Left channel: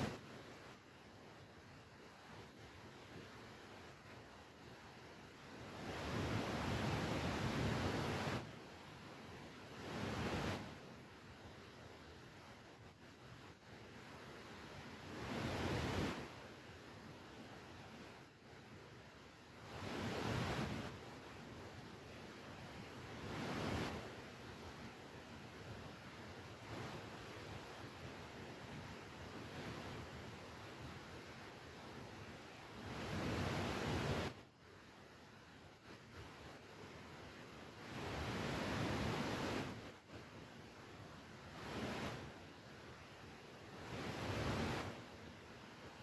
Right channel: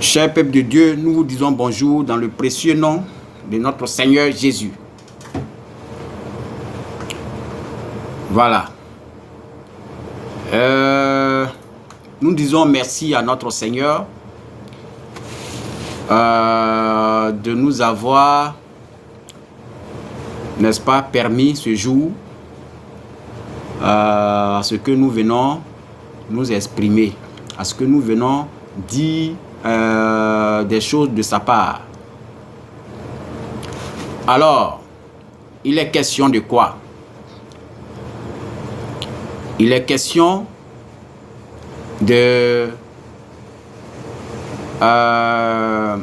Cher peuple de Dieu, nous vous disons bonjour dans le précieux nom de notre Seigneur Jésus. Voilà. Nous disons merci à notre Seigneur de nous avoir, n'est-ce pas, permis ce jour à ce que nous venons nous exprimer, à ce que nous venons dire des choses de sa part. Alors, il est question de quoi? Il est question de la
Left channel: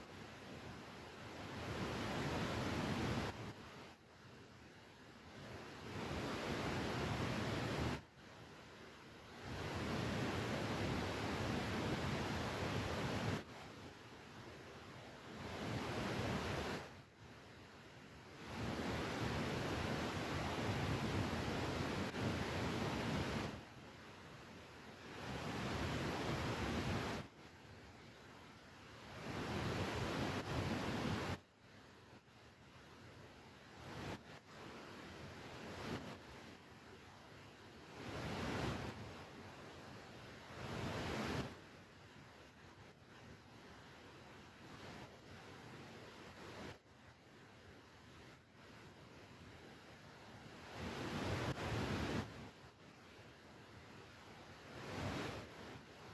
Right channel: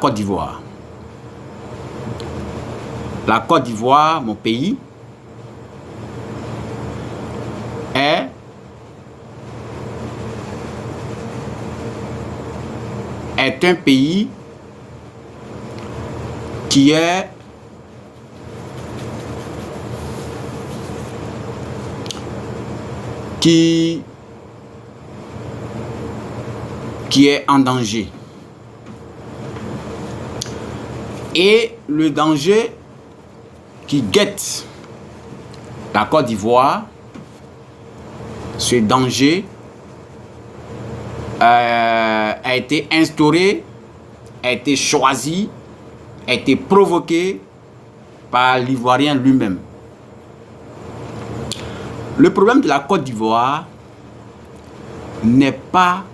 Côte d'Ivoire. La Côte d'Ivoire, mon pays, est un pays qui est en danger. Et le danger qui guette la Côte d'Ivoire, ce danger a été instauré, a été choisi, a été provoqué par l'Ivoirien lui-même. Le problème de la Côte d'Ivoire n'est pas,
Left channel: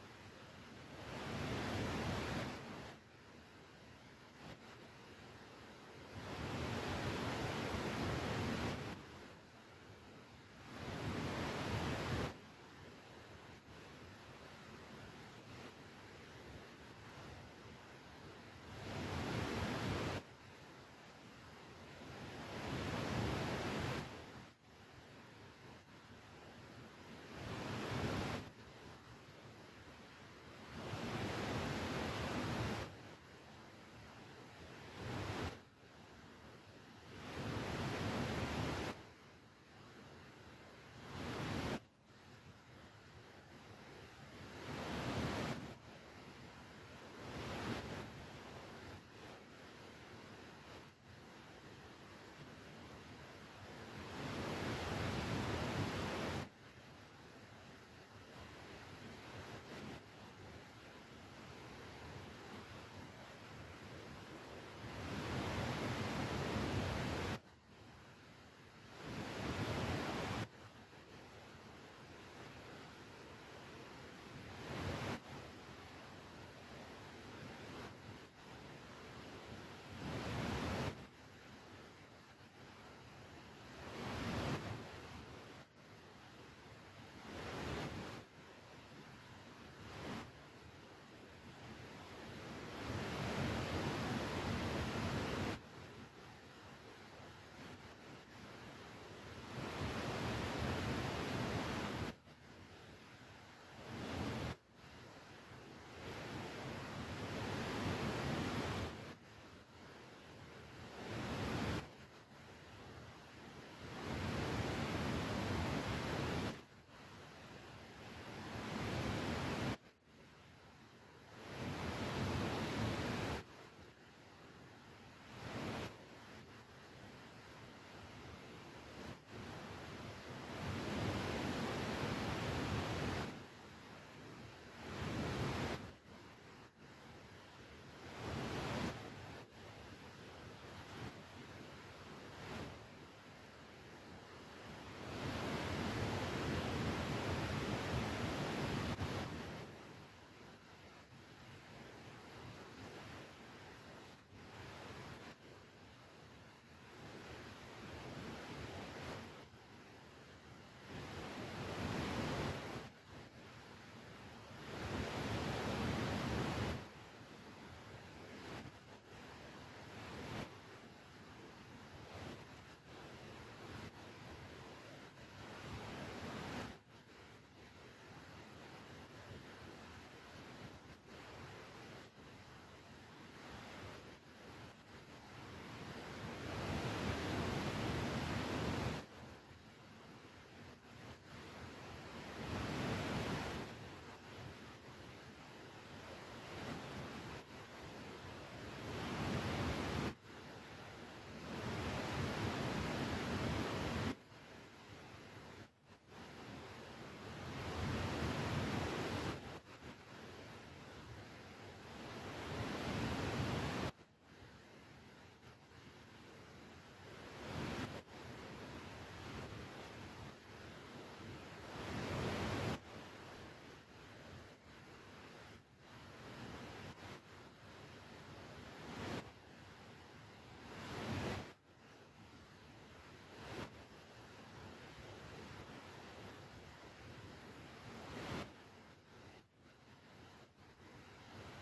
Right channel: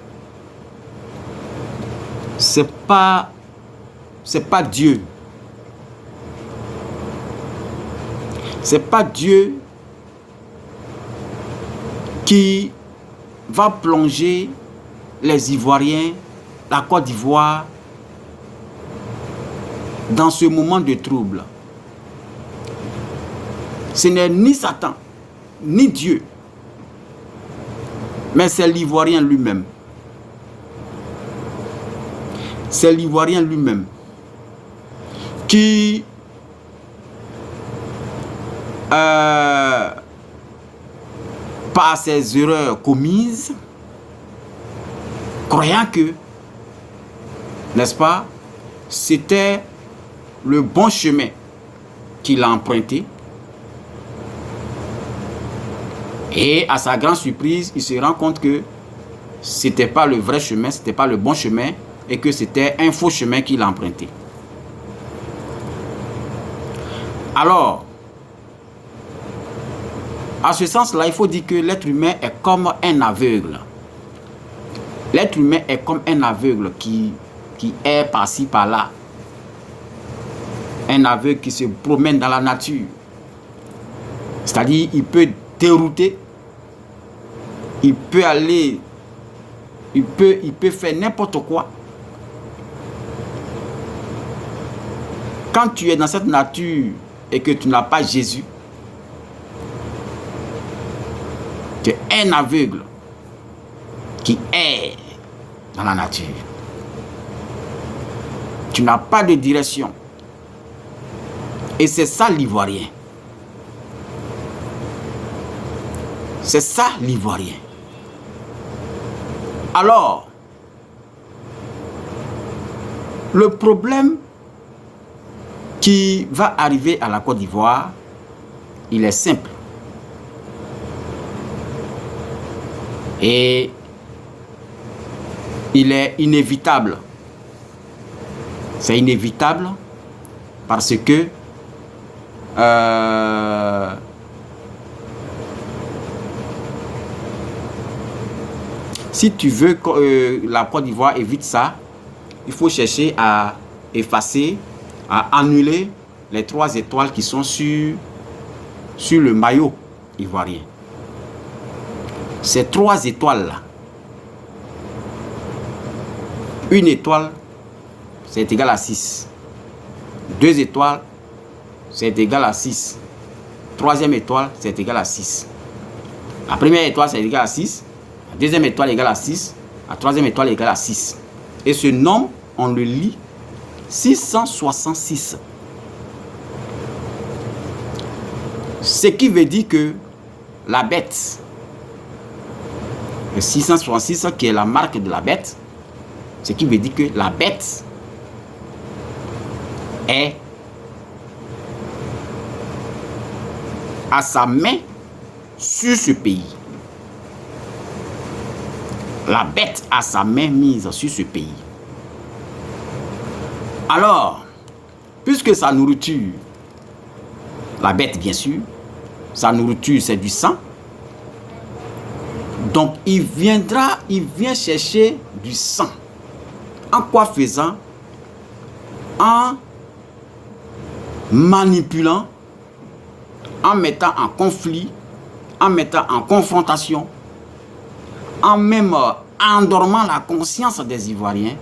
c'est pas Dieu. C'est pas Dieu qui va plonger les Ivoiriens, la Côte d'Ivoire, dans ce moment de trouble. Ce n'est ni Satan, ni Dieu, mais c'est l'Ivoirien lui-même. C'est l'Ivoirien lui-même qui par ses erreurs commises, croyant que, n'est-ce pas, c'était le bon chemin qu'il a emprunté. Et à sa grande surprise, il se rend compte que ce n'était pas le vrai chemin, ce n'était pas le bon chemin, et que c'était un faux chemin qu'il a emprunté. Alors, à ce sens-là, il faut dire que l'être humain est comme un aveugle. L'être humain est comme un aveugle qui est par-ci, par-là. Un aveugle qui se promène dans la nature. C'est-à-dire, il peut dérouter, il peut aller, il peut faire n'importe quoi. Quand tu es dans cette nature et que tu n'as pas Jésus, tu es un aveugle qui est dans la nature. Tu n'as pas de direction. Et c'est ça l'Ivoirien. C'est ça l'Ivoirien. Alors, le problème qui va arriver à la Côte d'Ivoire, il est simple. Et il est inévitable. C'est inévitable parce que si tu veux que la Côte d'Ivoire évite ça, il faut chercher à effacer, à annuler les 3 étoiles qui sont sur le maillot ivoirien. Ces 3 étoiles-là, une étoile, c'est égal à 6. 2 étoiles, c'est égal à 6. 3e étoile, c'est égal à 6. La première étoile, c'est égal à 6. La 2e étoile est égale à 6. La 3e étoile est égale à 6. Et ce nombre, on le lit 666. Ce qui veut dire que la bête Le 666 qui est la marque de la bête, ce qui veut dire que la bête est à sa main sur ce pays. La bête a sa main mise sur ce pays. Alors, puisque sa nourriture, la bête bien sûr, sa nourriture c'est du sang, donc il vient chercher du sang. En quoi faisant? En manipulant, en mettant en conflit, en mettant en confrontation, en même endormant la conscience des Ivoiriens.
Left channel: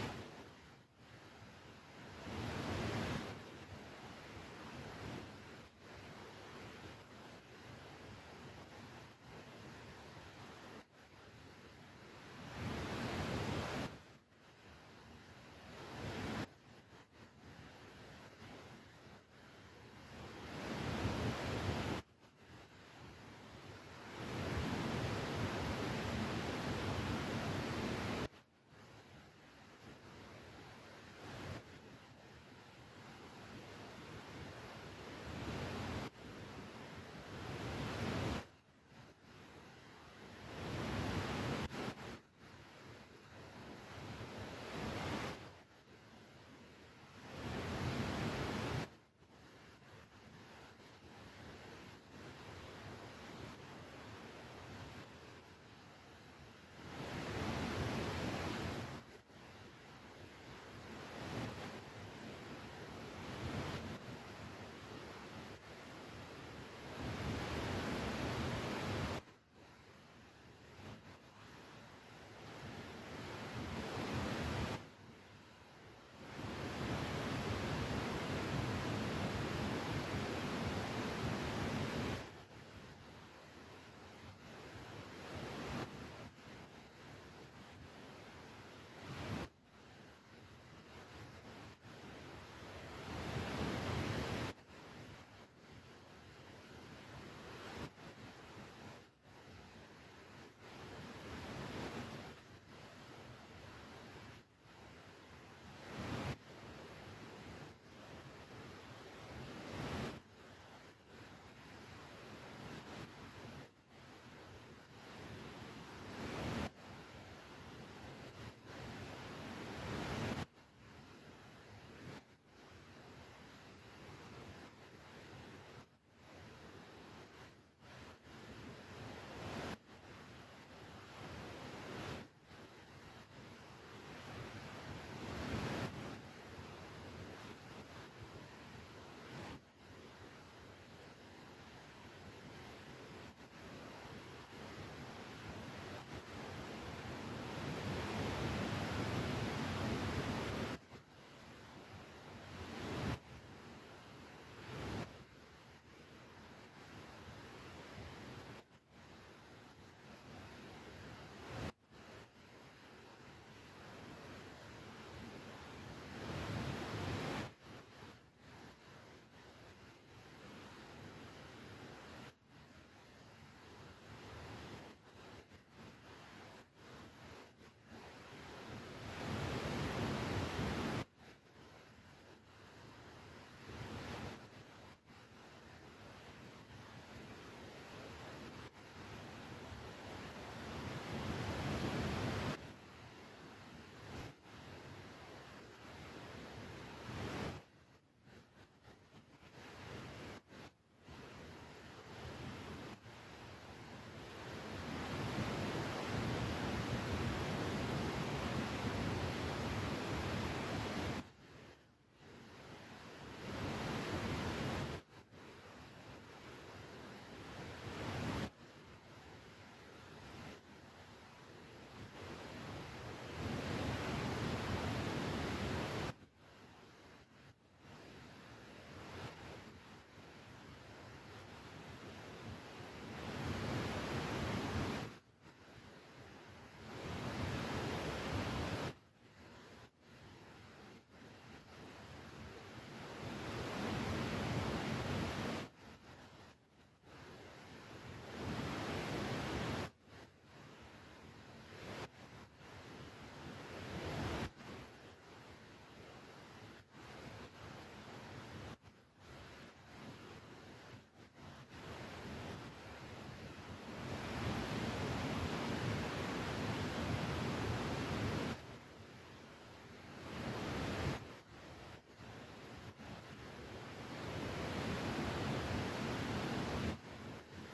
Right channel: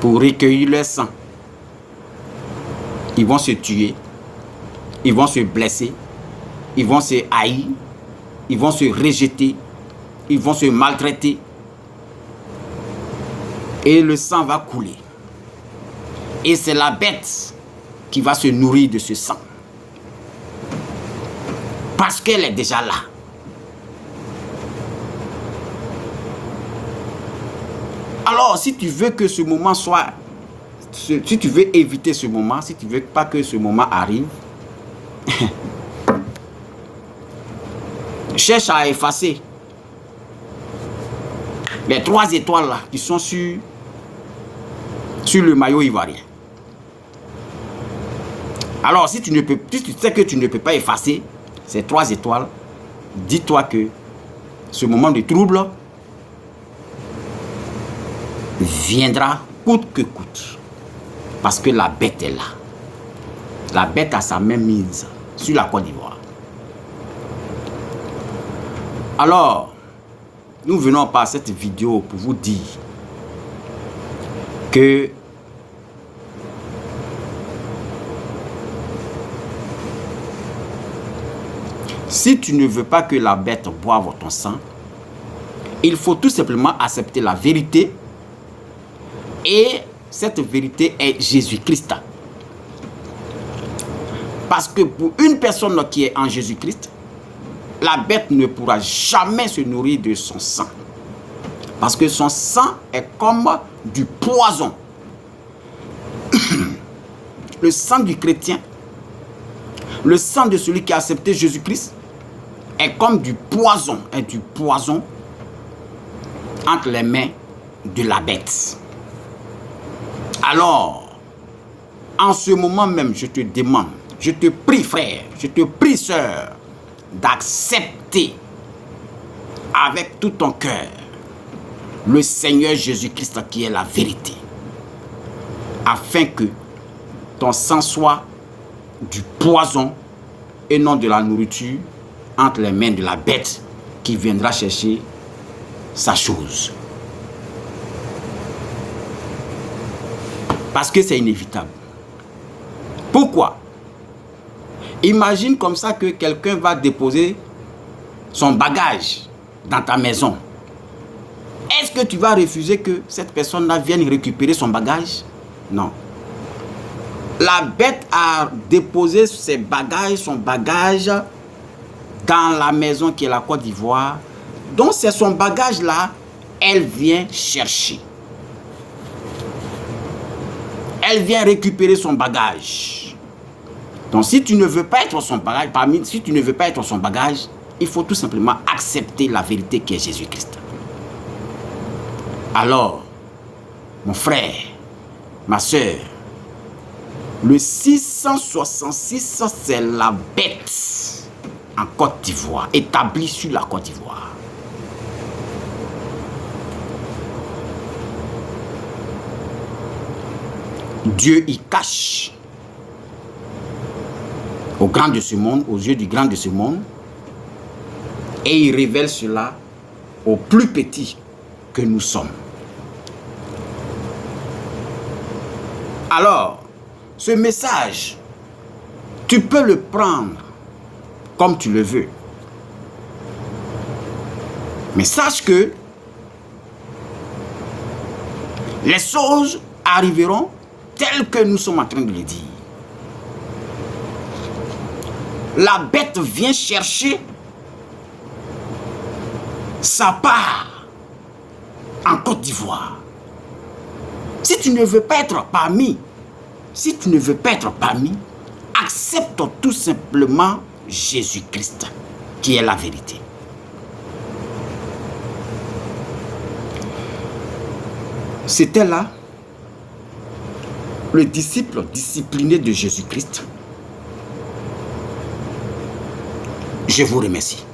Pour recueillir leur sang. Ils vont se tuer, ils vont se blesser, ils vont se haïr, ils vont se rejeter, ils vont se maltraiter. Et le sang va couler. Et c'est la bête qui va se nourrir de ce sang. Parce qu'elle est déjà là. Alors, si tu veux que ce moment soit... Si tu veux éviter ce moment, si tu ne veux pas que ce moment arrive, cherche à effacer les 3 étoiles là qui sont sur le maillot ivoirien. Alors, si tu sais que tu ne peux pas effacer ces 3 étoiles, dis-toi que ce moment de trouble viendra coûte que coûte. Parce que la bête est là. La bête a sa main mise sur la Côte d'Ivoire. Alors, nous venons par cette vidéo pour vous dire que si tu ne veux pas que la bête boive ton sang, il faut tout simplement accepter la vérité. Et cette vérité est Jésus-Christ. Parce que pour une personne qui est en Jésus-Christ, la bête ne pourra jamais se nourrir de son sang. Parce que son sang est comme du poison. Le sang du chrétien, le sang de celui qui a accepté Jésus-Christ, est comme du poison, entre les mains de la bête. Alors, en ce moment même, je te demande, je te prie frère, je te prie sœur, d'accepter avec tout ton cœur le Seigneur Jésus-Christ qui est la vérité, afin que ton sang soit du poison et non de la nourriture entre les mains de la bête qui viendra chercher sa chose. Parce que c'est inévitable. Pourquoi? Imagine comme ça que quelqu'un va déposer son bagage dans ta maison. Est-ce que tu vas refuser que cette personne-là vienne récupérer son bagage? Non. La bête a déposé ses bagages, son bagage dans la maison qui est la Côte d'Ivoire. Donc c'est son bagage-là, elle vient chercher. Elle vient récupérer son bagage. Donc si tu ne veux pas être son bagage, si tu ne veux pas être son bagage, il faut tout simplement accepter la vérité qui est Jésus-Christ. Alors, mon frère, ma soeur, le 666, c'est la bête en Côte d'Ivoire, établie sur la Côte d'Ivoire. Dieu y cache au grand de ce monde, aux yeux du grand de ce monde, et il révèle cela aux plus petits que nous sommes. Alors, ce message, tu peux le prendre comme tu le veux. Mais sache que les choses arriveront telles que nous sommes en train de le dire. la bête vient chercher sa part en Côte d'Ivoire. Si tu ne veux pas être parmi, accepte tout simplement Jésus-Christ, qui est la vérité. C'était là le disciple discipliné de Jésus-Christ. Je vous remercie.